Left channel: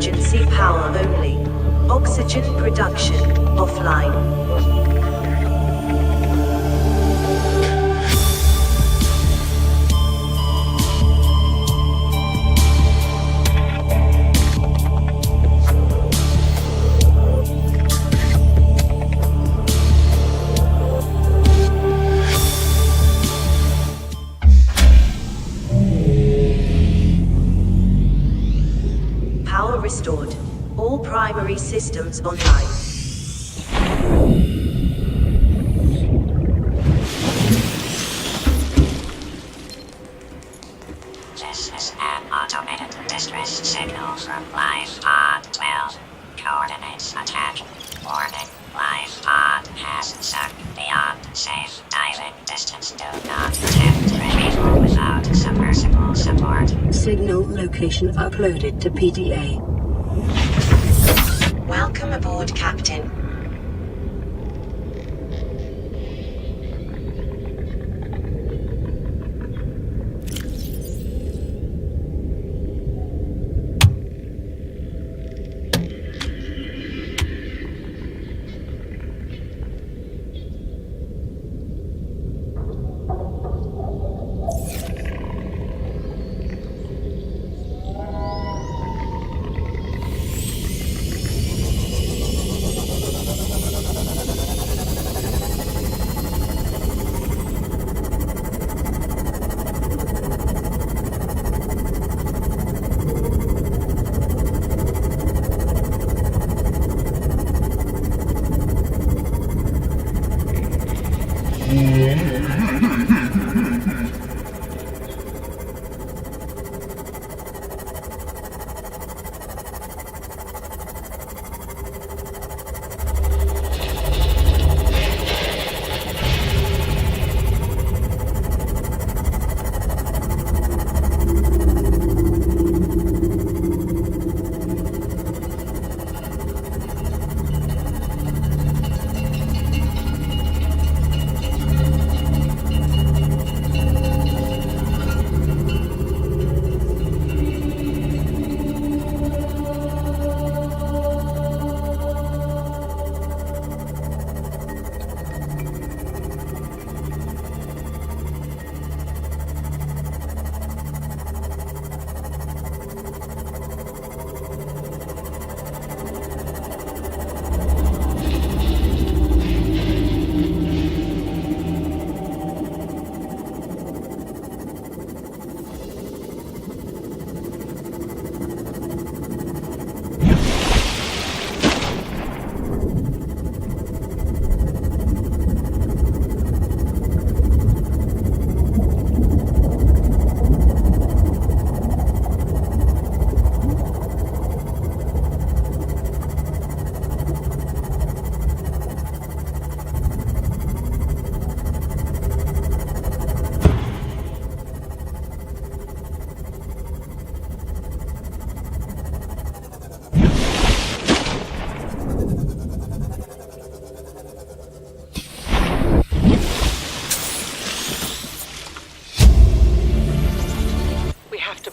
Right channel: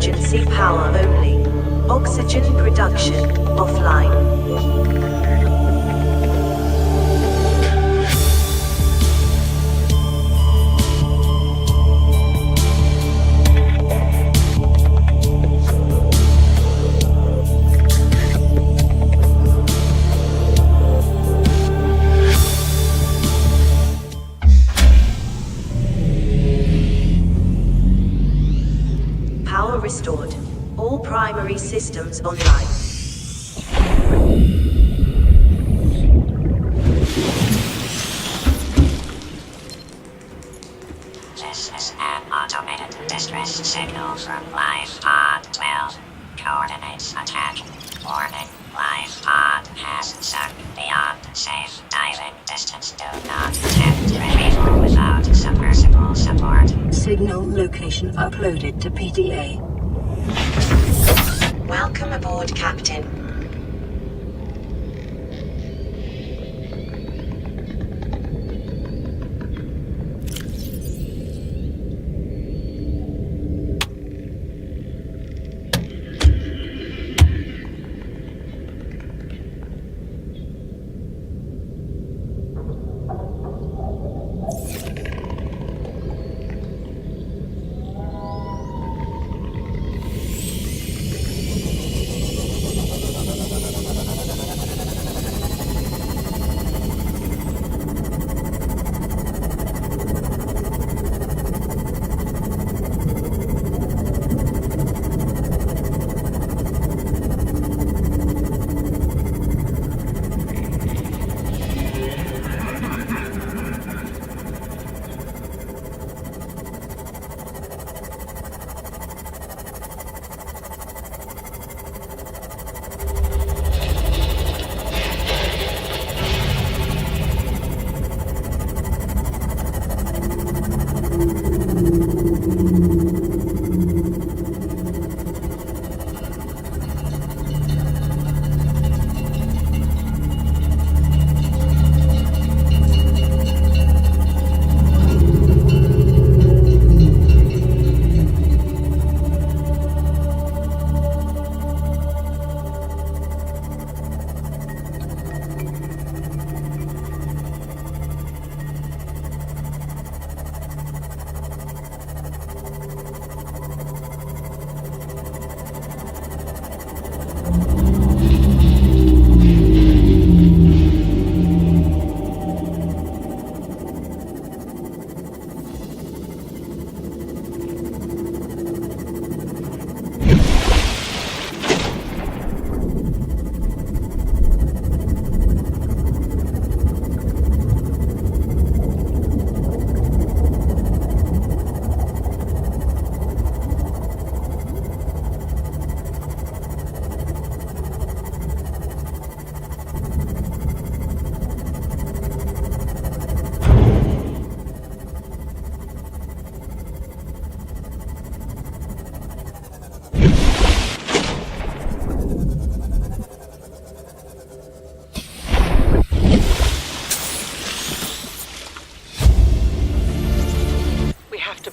emergency power only. Oxygen production offline. Power restored. All primary systems online. This is an automated distress signal from Life Pod 12. Coordinates attack. Warning. Life Pod has sunk beyond safe diving distance. Do not attempt retrieval without submersible support. Signal location uploaded to PDA. Welcome aboard, Captain.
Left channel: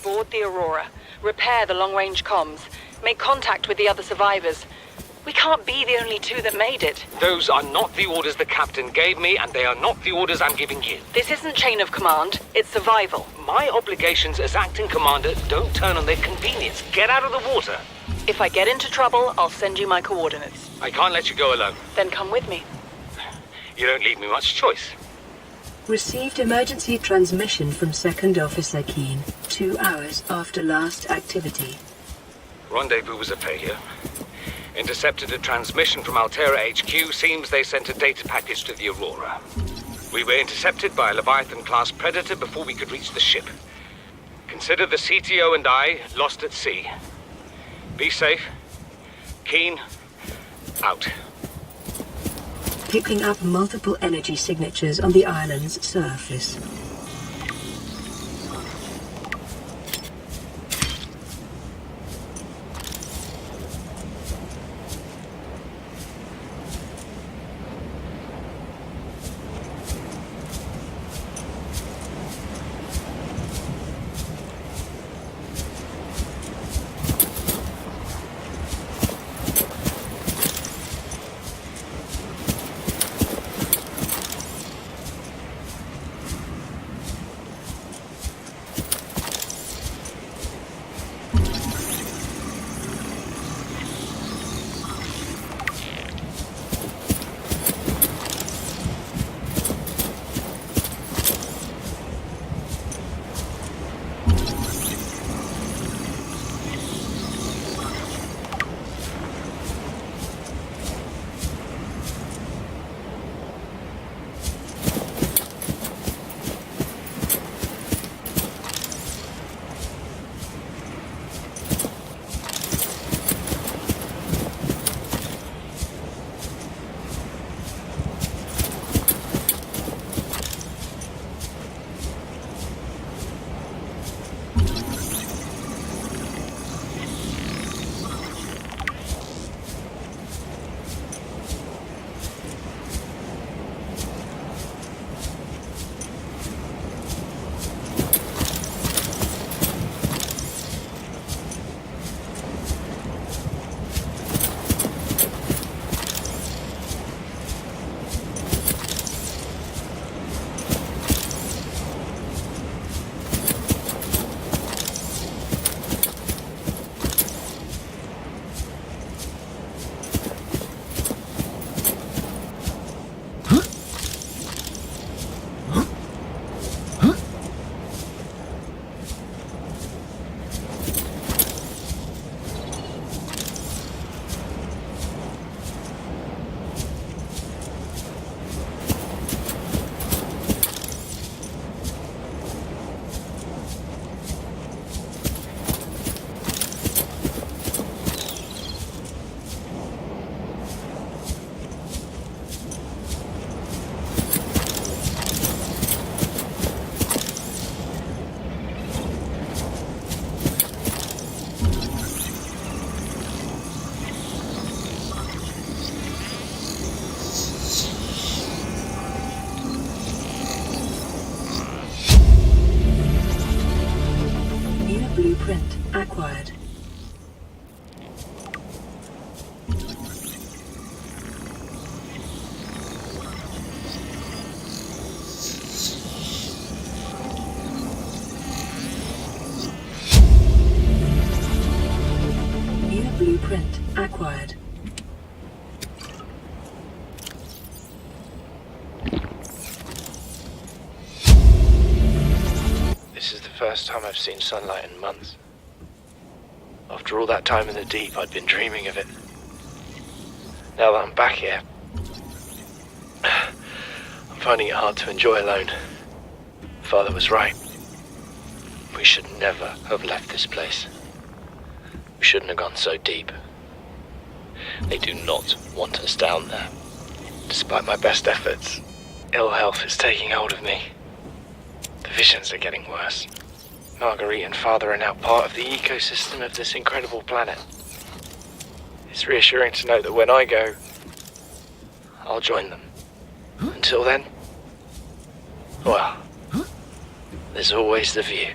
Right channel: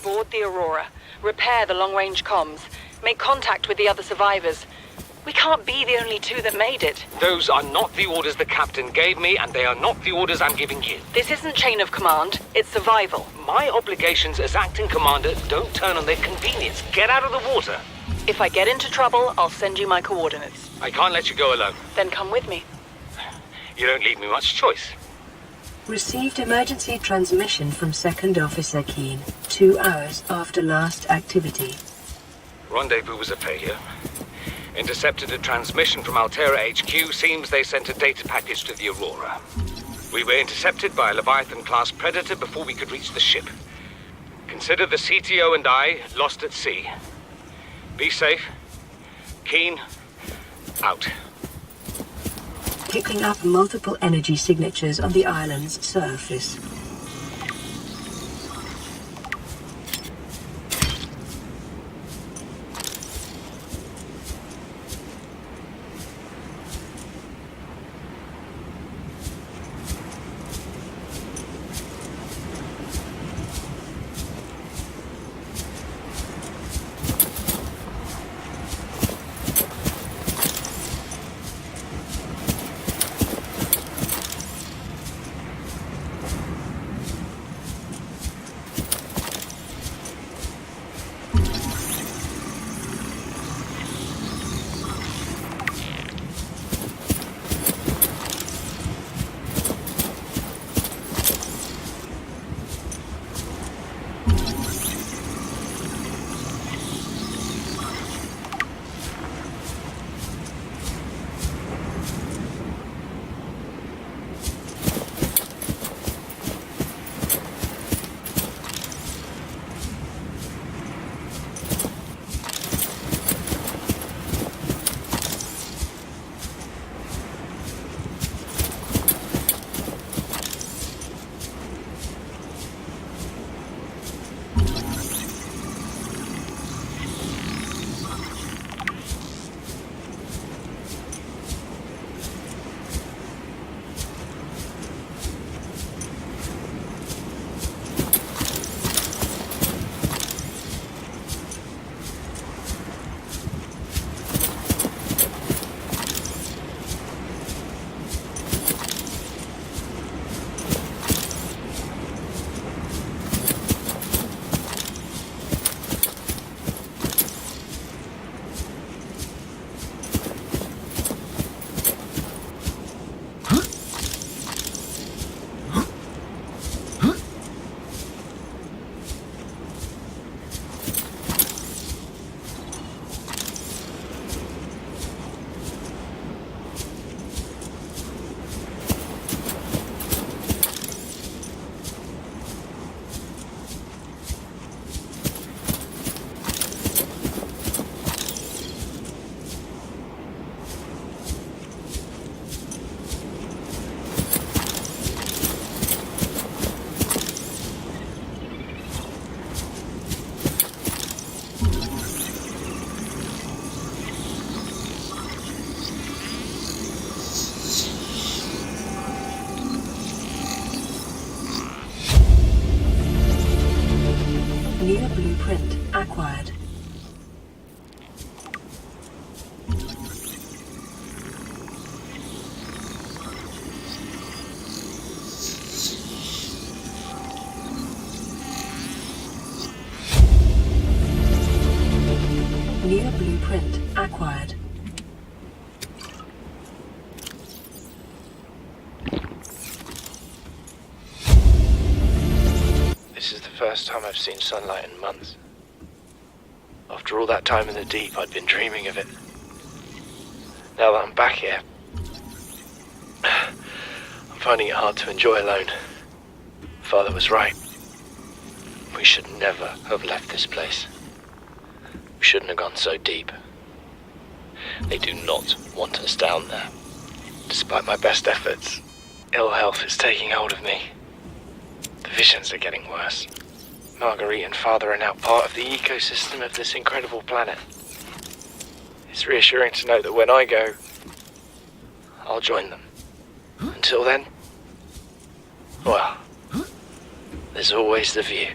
Board the Aurora, repair the long-range comms, make contact with the other survivors. We can't be the only two that made it. Those are not the orders the captain gave me, and they are not the orders I'm giving you. This isn't chain of command, it's survival. My obligations as acting commander don't turn on their convenience. Get out of the water. If I get into trouble, I'll send you my coordinates. I can't let you go alone. Then come with me. You don't leave me much choice. Received emergency transmission from Second Officer Keane, 2 hours after last activity. Rendezvous was a failure. Intercepted a transmission from Altera HQ. Seems they sent a data package to the Aurora. We were intercepted by a Leviathan-class predator before we could reach the ship. Consider the CTO and I lost at sea. Be safe. Keane, out. Picking up multiple energy signatures on the island's surface. New blueprint acquired. New blueprint acquired. This is the first time I've seen sunlight in months. After all that time in the deep, I'd been dreaming of it. Now that I'm back here, I'm finding it hard to enjoy alone. Father was right. We should never have left this place. We shouldn't have gone so deep. They do not want us down there. Despite my best efforts, ill health is taking hold of me. The visions are getting worse. Marguerite and Father are now part of the ecosystem of this incredible planet. It's reassuring to know that when I go, I'll join them. Until then, well, there's always the view.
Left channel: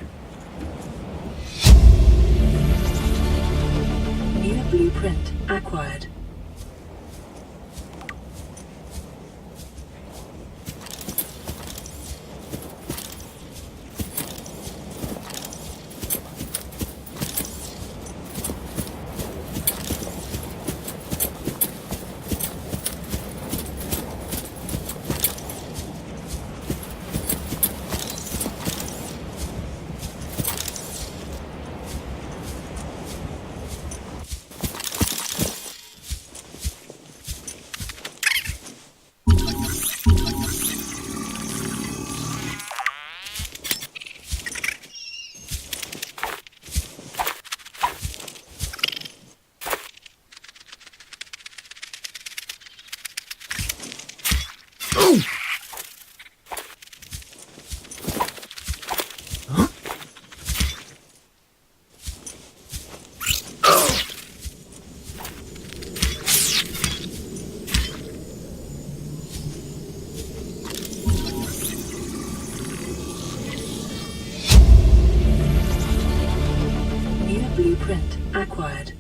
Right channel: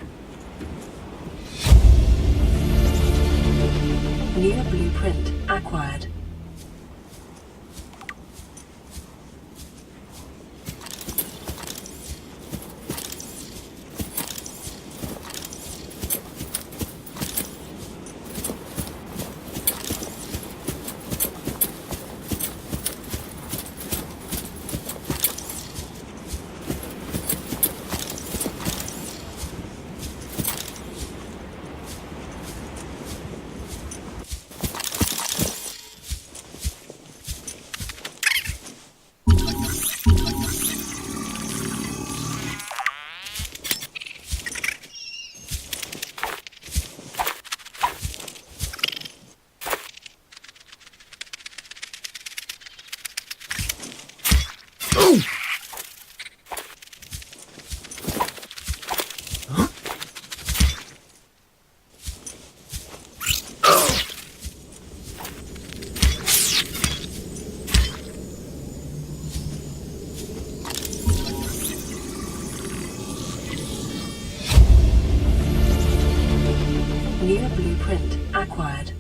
New blueprint acquired. New blueprint acquired.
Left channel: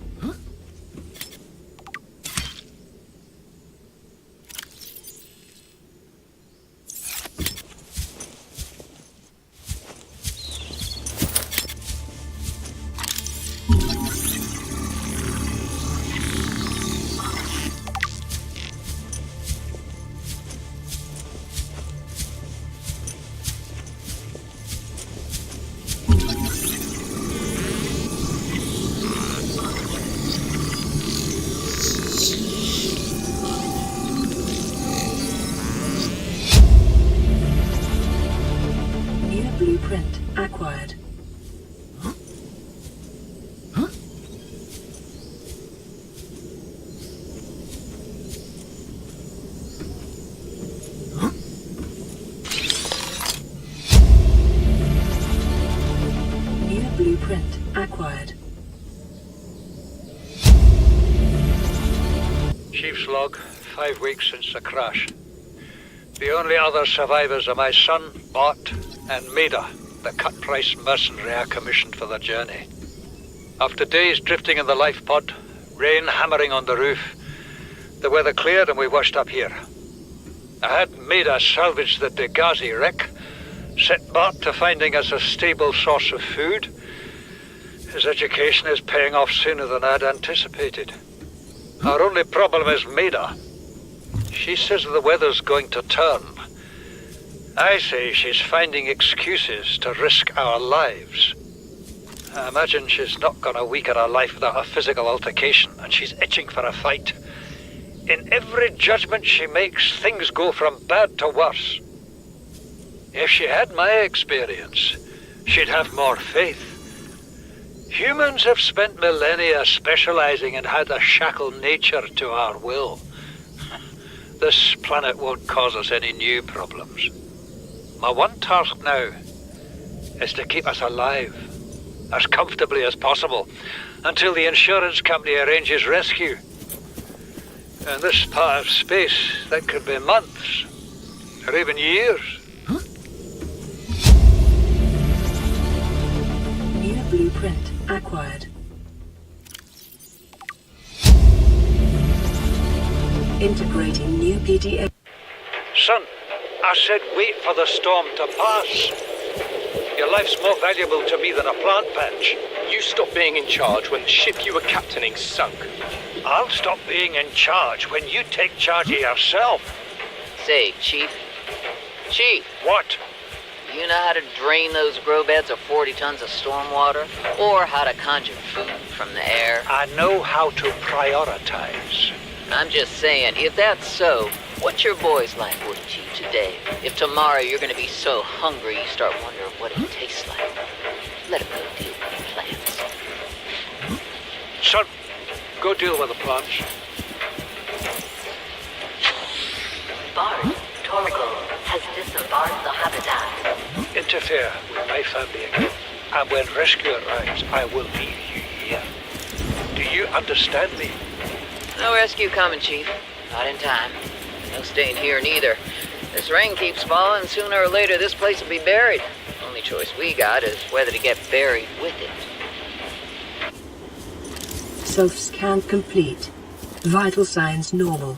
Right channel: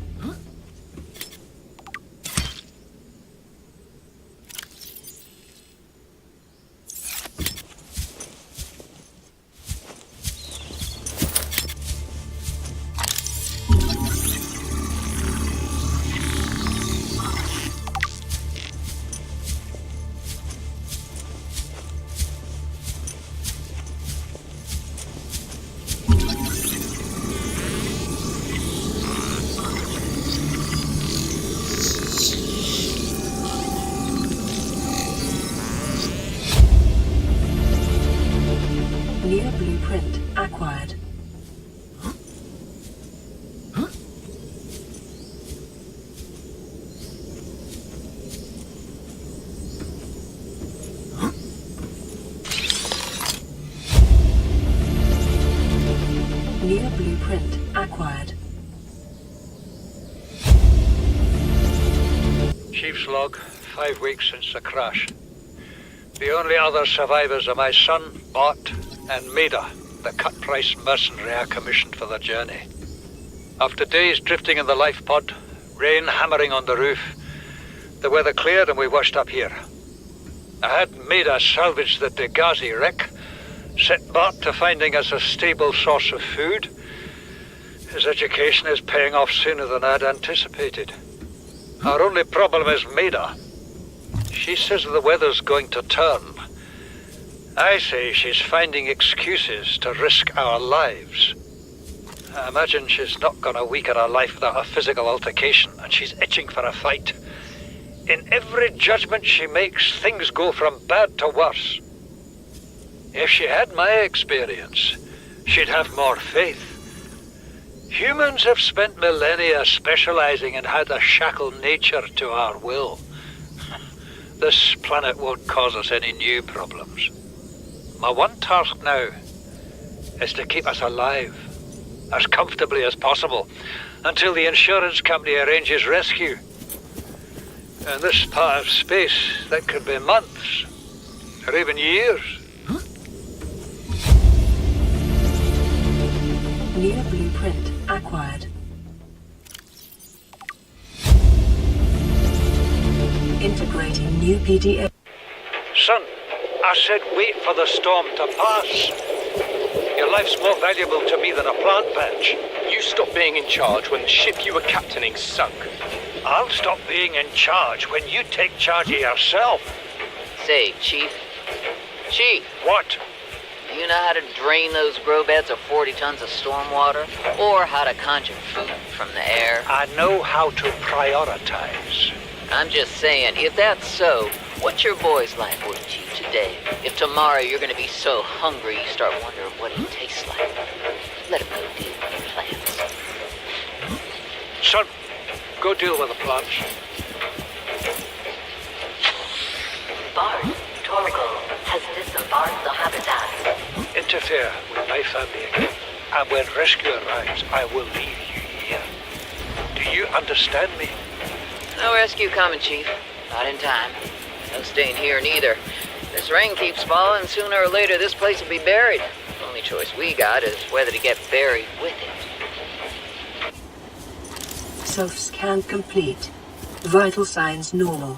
New blueprint acquired. New blueprint acquired. Chief's log, 5 weeks since the crash. The only other survivors are my son, Bart, and Maida, the cut-price mercenary I commissioned for the journey. After days drifting in the life pod, rain hammering on the roof, the weather cleared and we washed up here. I had Maida salvage the Degazi wreck, set Bart to finding us a stable source of food. His education is paying off sooner than I'd anticipated. Our only problem is Maida. She says the weather's going to turn. I say she's finding excuses to risk our lives. I imagine she's not going to weaken her life without a physical altercation, and she's itching for a fight. In every judgment she makes, things go from bad to worse. If she had my experience, she'd have more faith. Humans have spent millennia specializing in how to shackle nature to our will. This planet won't cause us any new problems. My one task now is to keep us alive, as comfortably as possible, until the insurance company arranges rescue. In this part of space, that could be months, or even years. New blueprint acquired. Integrating new PDA. Son, I said wait for the storm to pass. Your life's more valuable to me than a plant patch. You stopped being in charge when the ship you were captaining sunk. I'll stop being in charge when you take charge of yourself. Say, Chief. Chief, What? you know how to drain those grow beds of 40 tons of stormwater? Or how to conjure food from the air? I know how to prioritize. I'm just saying, if that's so, what's your boy's life worth to you today? If tomorrow you're gonna be so hungry you start wondering what it tastes like, let him go deal with the plants. Son, go deal with the plants. Bard, Torgal has disembarked the habitat. Interfere with my family again, and when rescue arrives, I will leave you here. Do you understand me? No rescue coming, Chief. Not in time. No staying here neither. This rain keeps falling, sooner or later this place will be buried. Only choice we got is whether to get buried with it. Self-scan complete. Vital signs normal.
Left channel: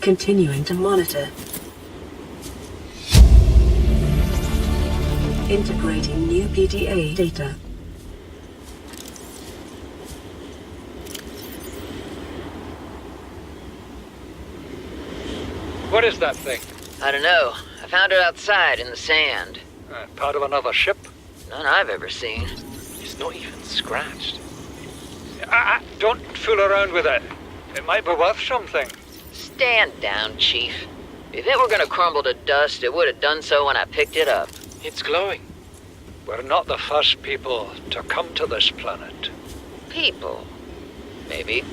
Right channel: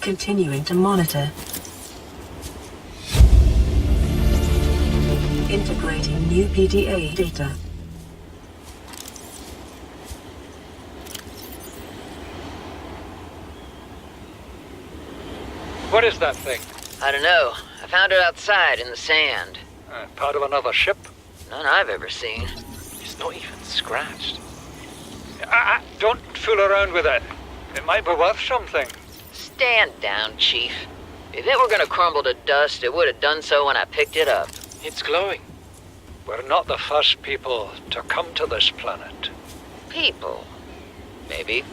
Continuing to monitor. Integrating new PDA data. What is that thing? I don't know. I found it outside in the sand. Part of another ship? None I've ever seen. It's not even scratched. Don't fool around with it. It might be worth something. Stand down, Chief. If it were gonna crumble to dust, it would have done so when I picked it up. It's glowing. We're not the first people to come to this planet. People. Maybe.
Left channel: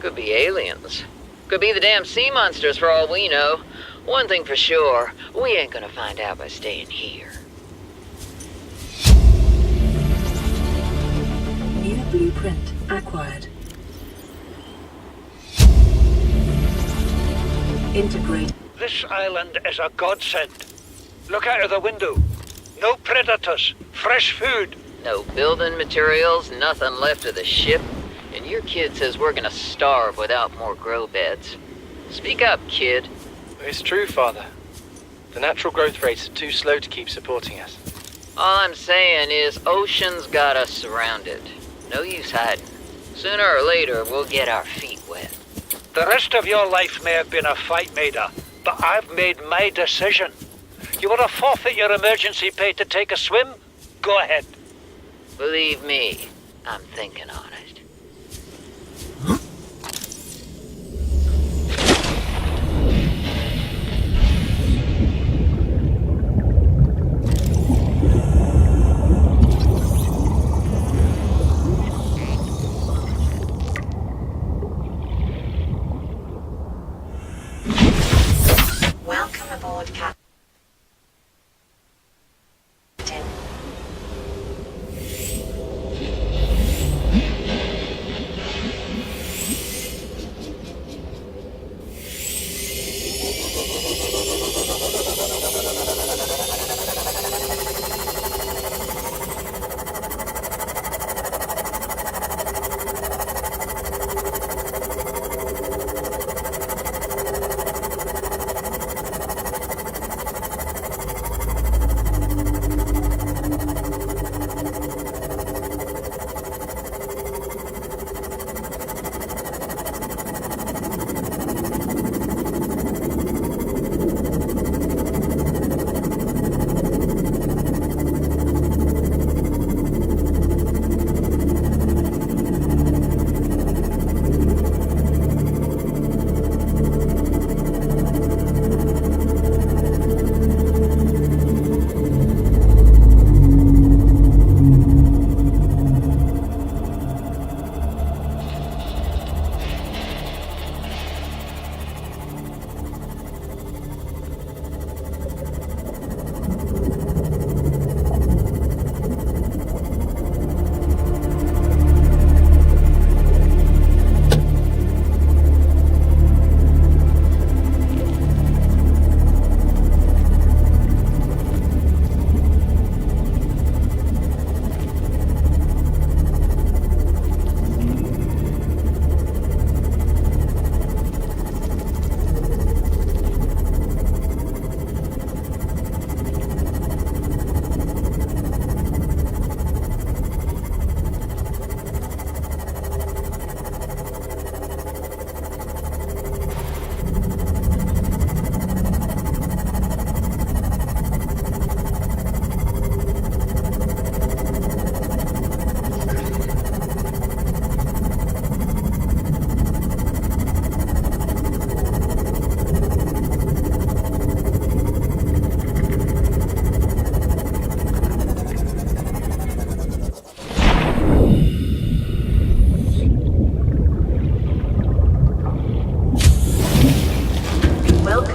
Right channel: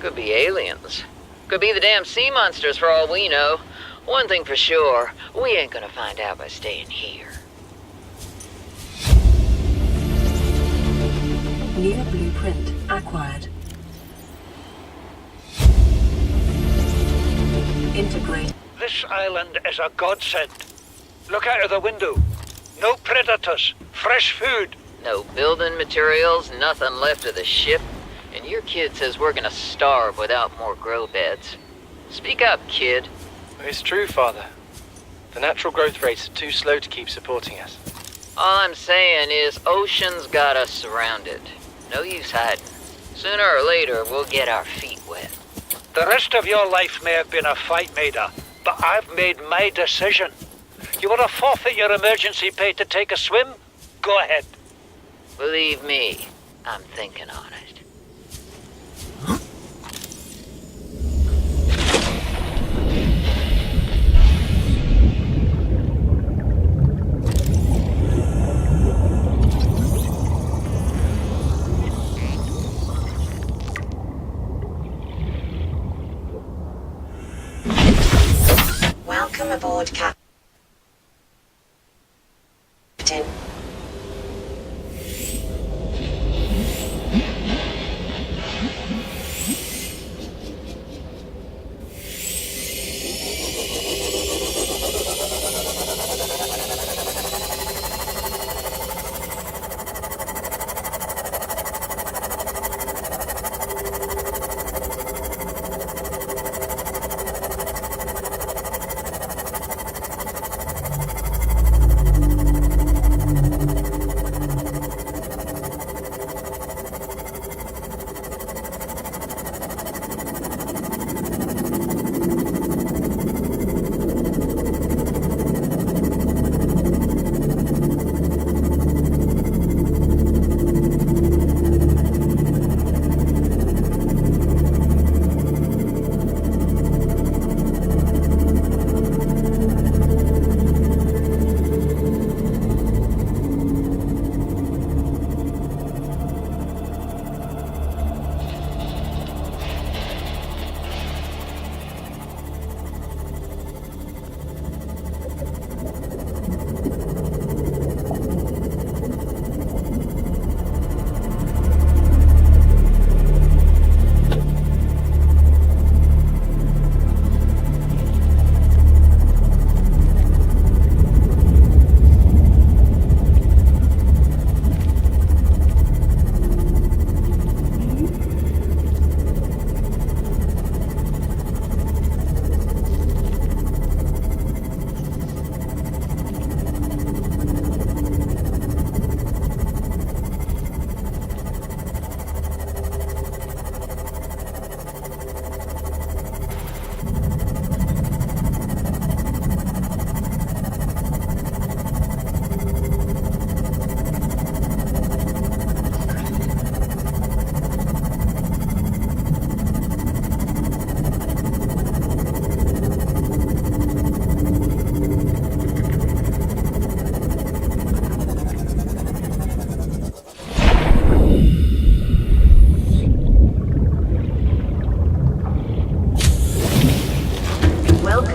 Could be aliens. Could be the damn sea monsters for all we know. One thing for sure, we ain't gonna find out by staying here. New blueprint acquired. Integrate. This island is a godsend. Look out of the window. No predators. Fresh food. No building materials, nothing left of the ship. And your kid says we're gonna starve without more grow beds. Speak up, kid. It's true, Father. The natural growth rates are too slow to keep supporting us. All I'm saying is ocean's got us surrounded. No use hiding. Sooner or later, we'll get our feet wet. The rest of your life may have been a fight, Maida, but I've made my decision. You want to forfeit your emergency pay to take a swim? Go ahead. Believe me, I'm thinking on it. Welcome aboard, Captain.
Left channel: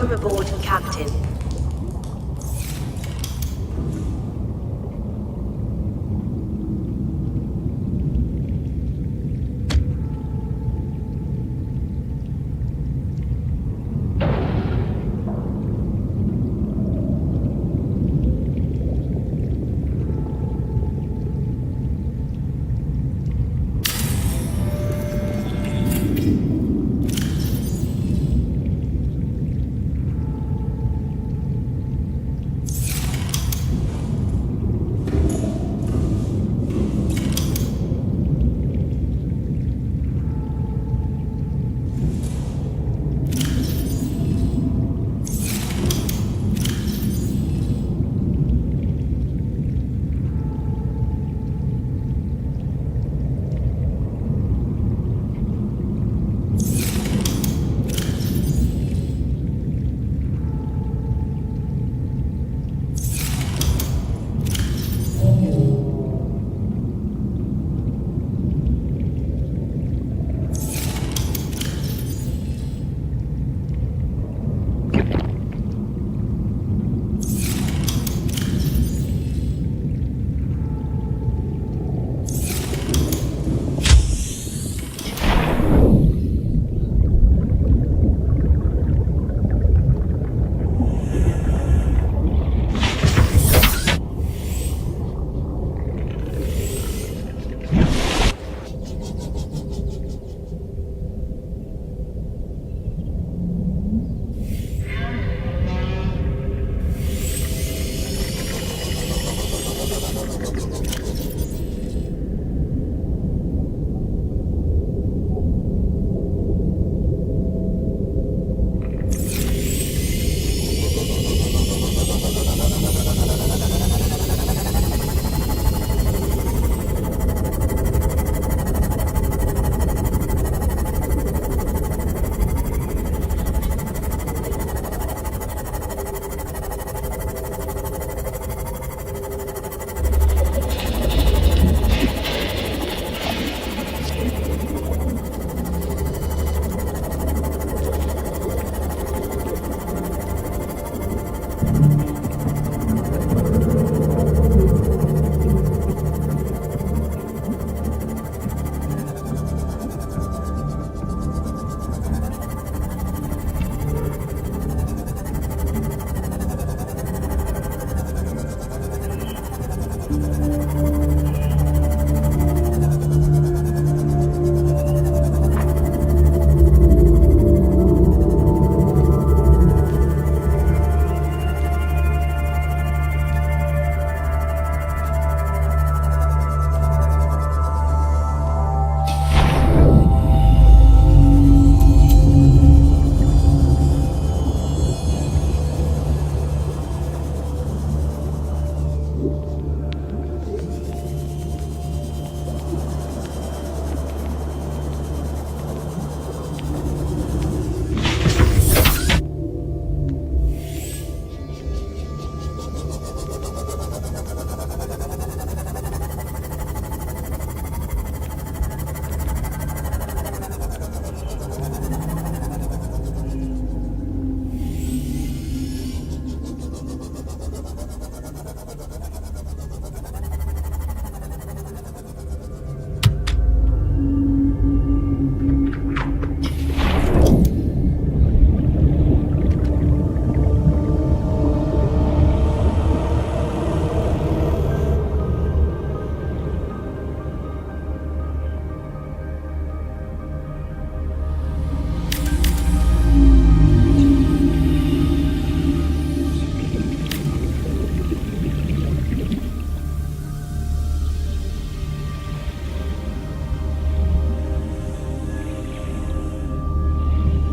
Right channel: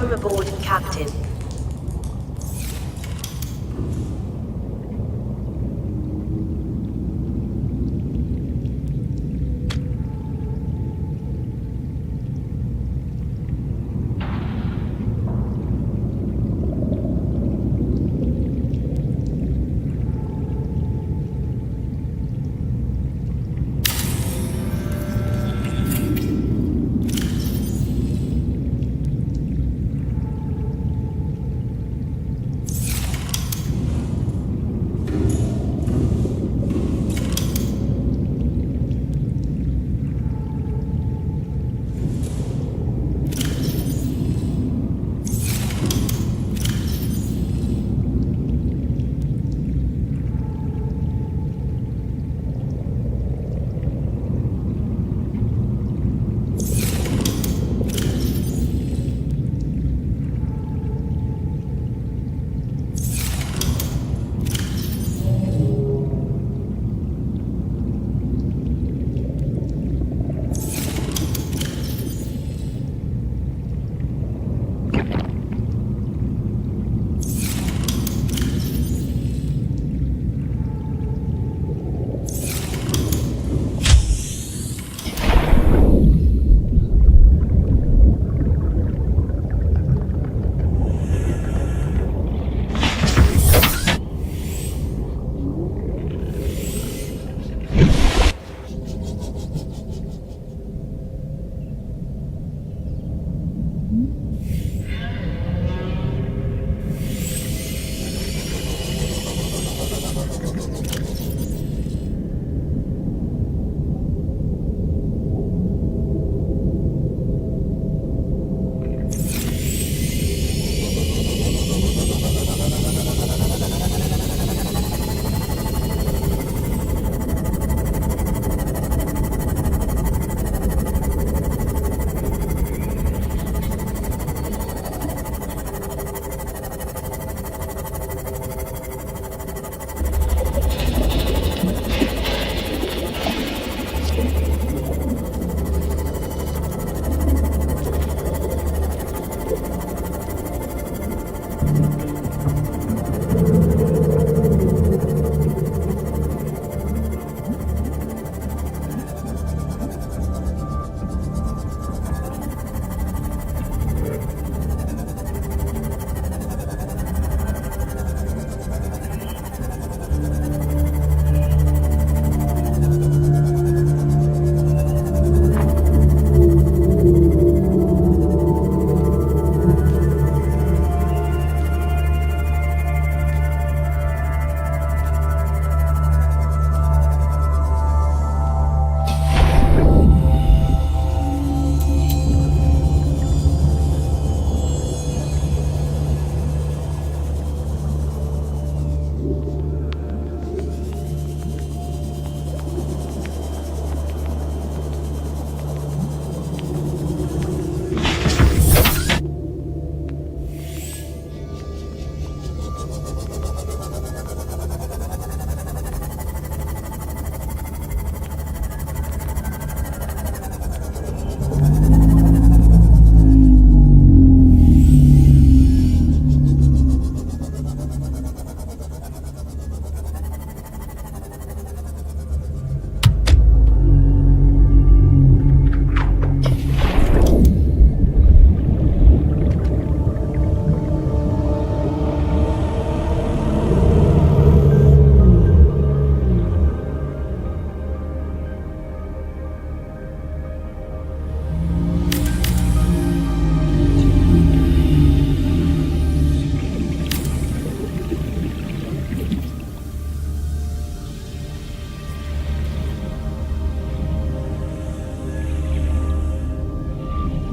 Welcome aboard, Captain.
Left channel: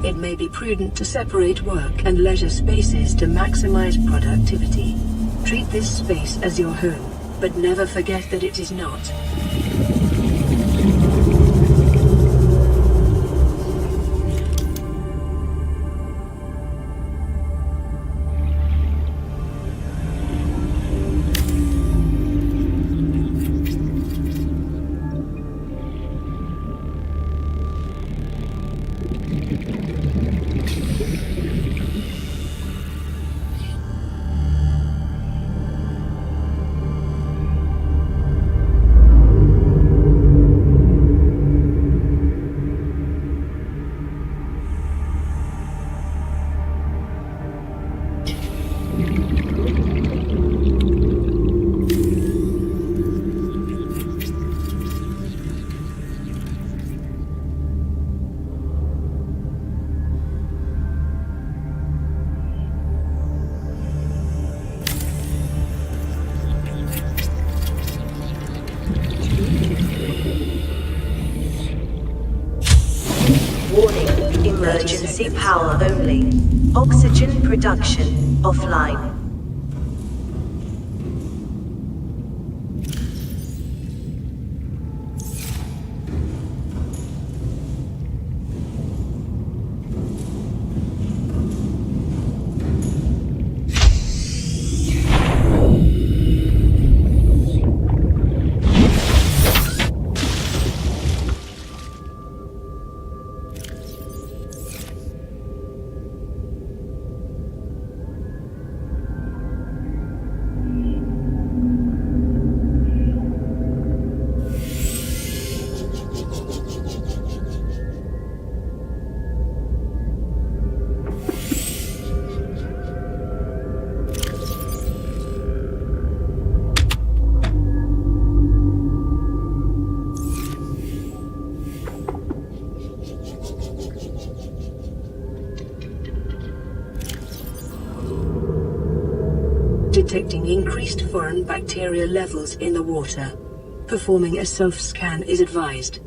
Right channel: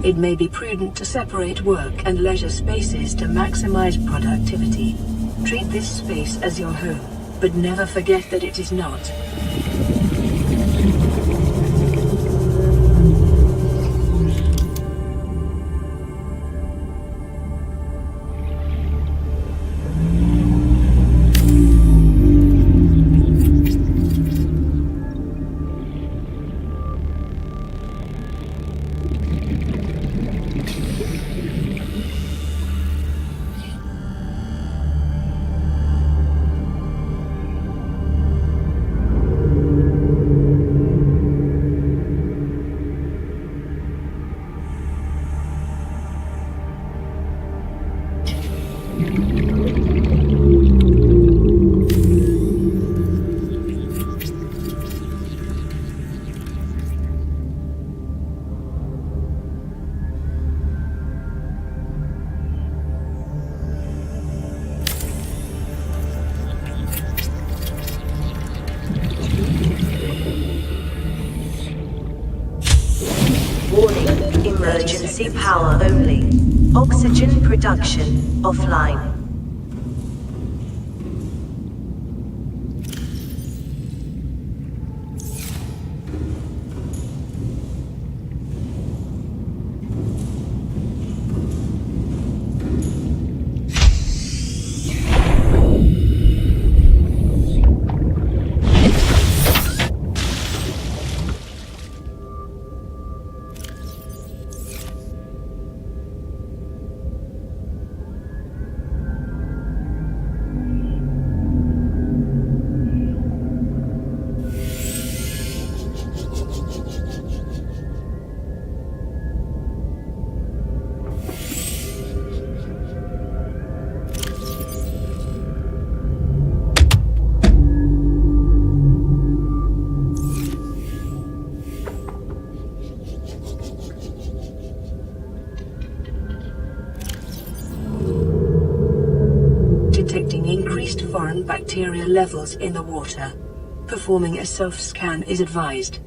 It may be prudent to separate work and leisure spaces to maximize productivity. Treat this space as your home, but never forget that it is not. Warning, emergency power only. Oxygen production offline. Detecting increased foreign bacterial levels in the water. Performing a self-scan is advised.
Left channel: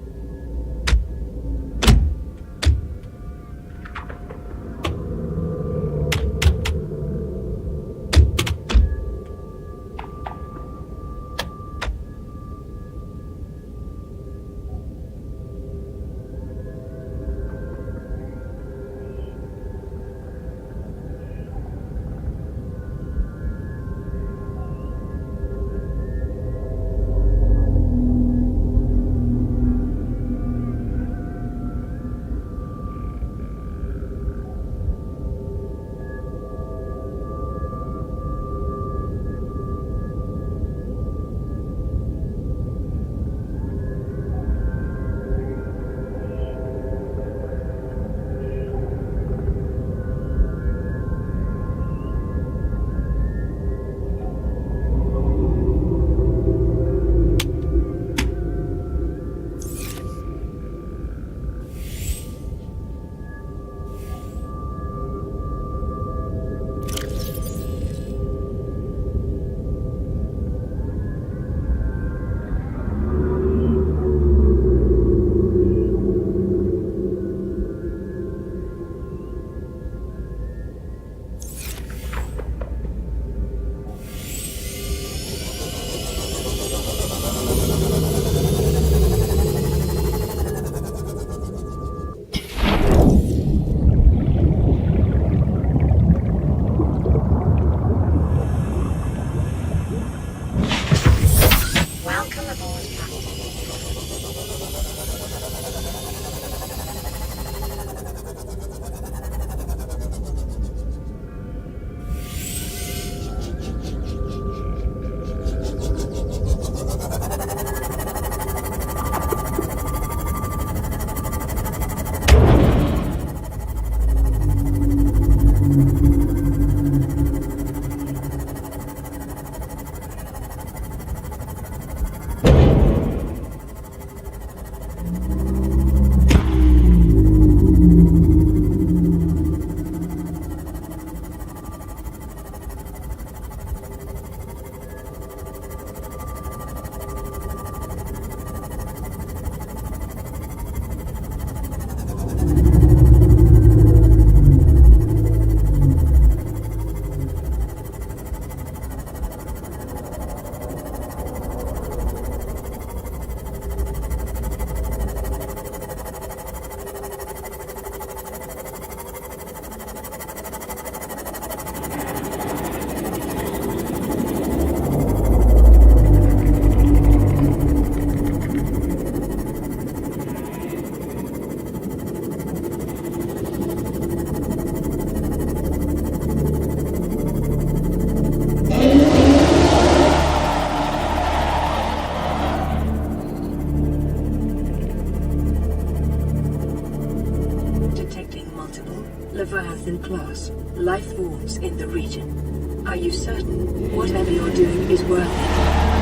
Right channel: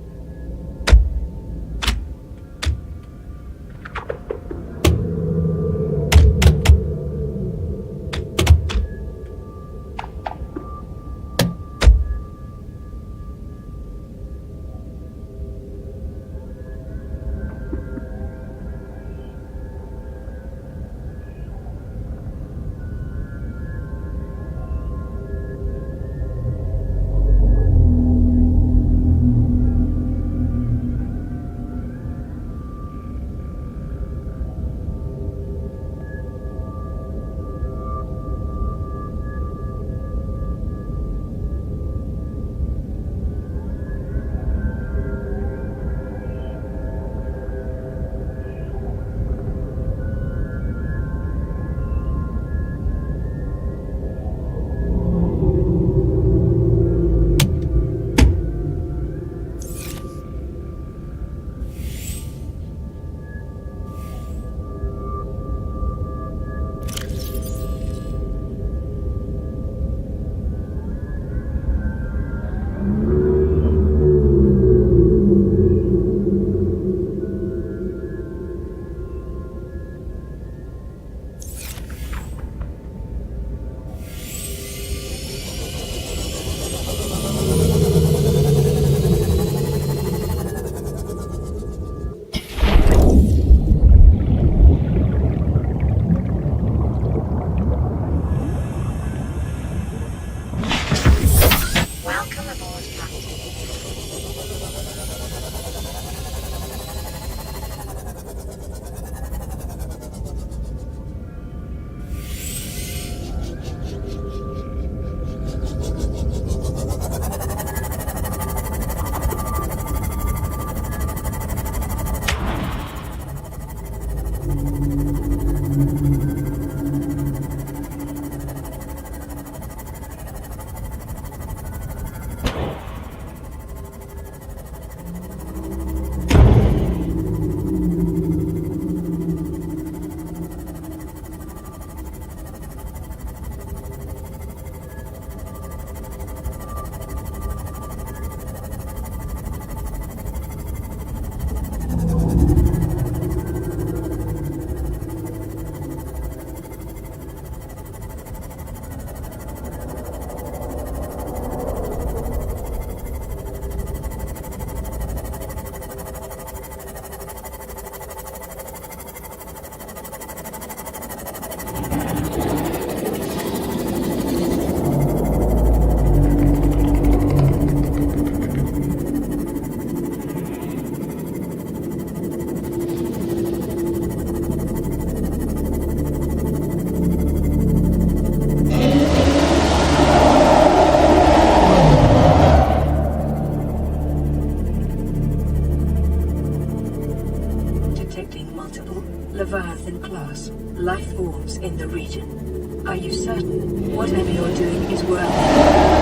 Welcome aboard, Captain. Leviathan-class life forms in the region. Are you certain whatever you're doing is worth it?